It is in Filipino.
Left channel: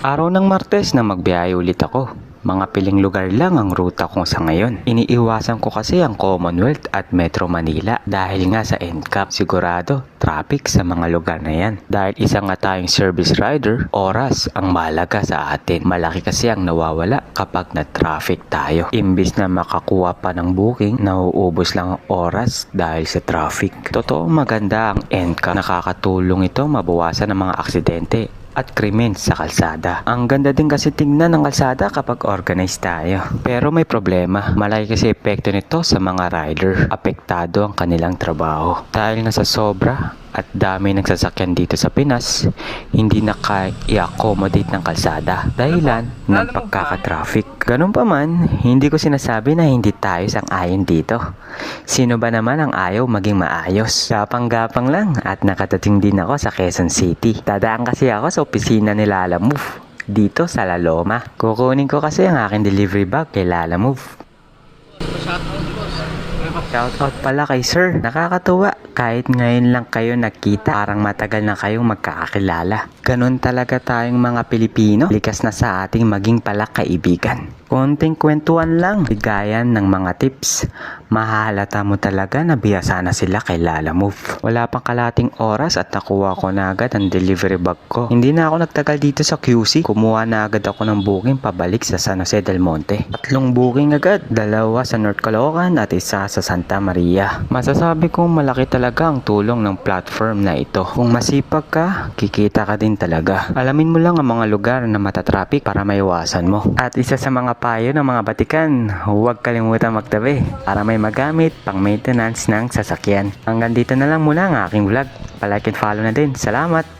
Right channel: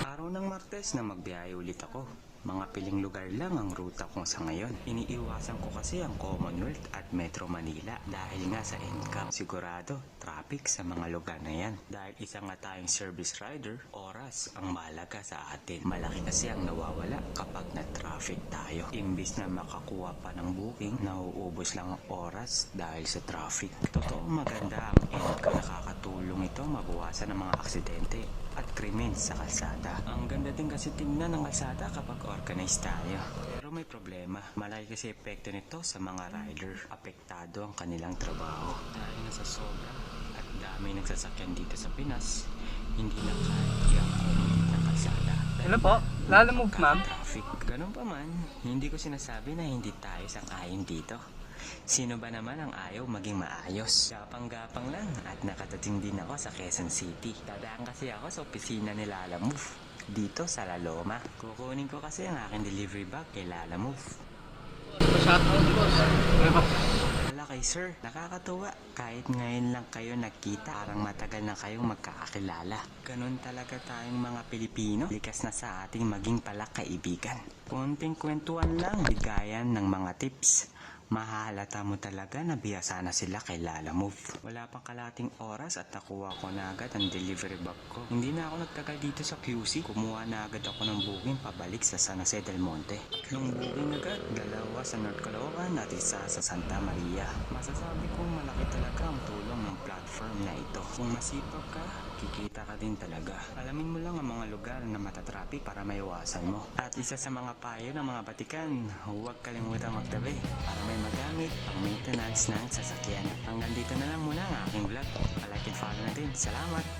Araw ng Martes na magbiyahe ulit ako. Mga piling lugar lang ang ruta ko sa ngayon. Iniiwasan ko kasi ang Commonwealth at Metro Manila dahil nga sa NCAP. Sigurado, traffic sa mga lugar na yan. Dahil isa nga tayong service rider, oras ang malaga sa atin. Malaki kasi ang nawawala kapag na-traffic tayo. Imbis na makakuha pa ng booking, nauubos lang ang oras dahil sa traffic. Totoo maganda ang NCAP. Nakakatulong ito mabawasan ang mga aksidente at krimen sa kalsada. Ang ganda din kasi tingnan ng kalsada kapag organized tayo. Pero may problema. Malaki kasi epekto nito sa mga rider. Apektado ang kanilang trabaho. Dahil nga sa sobra at dami ng sasakyan dito sa Pinas, hindi na kaya-accommodate ng kalsada. Dahilan ng pagkaka-traffic. Ganun pa man, hindi ko sinasabi na hindi tayo sang-ayon dito. Sino ba naman ang ayaw maging maayos? Gapang-gapang lang at nakatating din ako sa Quezon City. Dadaan kasi ako sa opisina ni Lala Move dito sa La Loma. Kukunin ko kasi ang aking delivery bag kay Lala Move. Shoutout pala kay Sir. Nakakatuwa. Kahit ngayon lang kayo nakita, parang matagal na kayong magkakakilala. Ganon talaga tayong mga Pilipino. Likas na sa ating maging pala kaibigan. Konting kwentuhan lang, bigayan ng mga tips. Mahalata mo talaga na biyasa na sila kay Lala Move. Wala pang kalating oras at nakuha ko na agad ang delivery bag ko. Hindi na ako nagtagal dito sa QC. Kumuha na agad ako ng booking pabalik sa San Jose del Monte. Tatlong booking agad. Dalawa sa North Caloocan at isa sa Santa Maria. Masasabi kong malaki talaga ang tulong ng platform na ito. Kung masipag ka, kikita ka din talaga. Alamin mo lang ang mga lugar na matatraffic para maiwasan mo. At isa sa mga payo ng mga batikan, huwag kalimutan magtabi para may magamit pang maintenance ng sasakyan. Hanggang dito na lang muna ang aking vlog. Palike and follow na din. Salamat!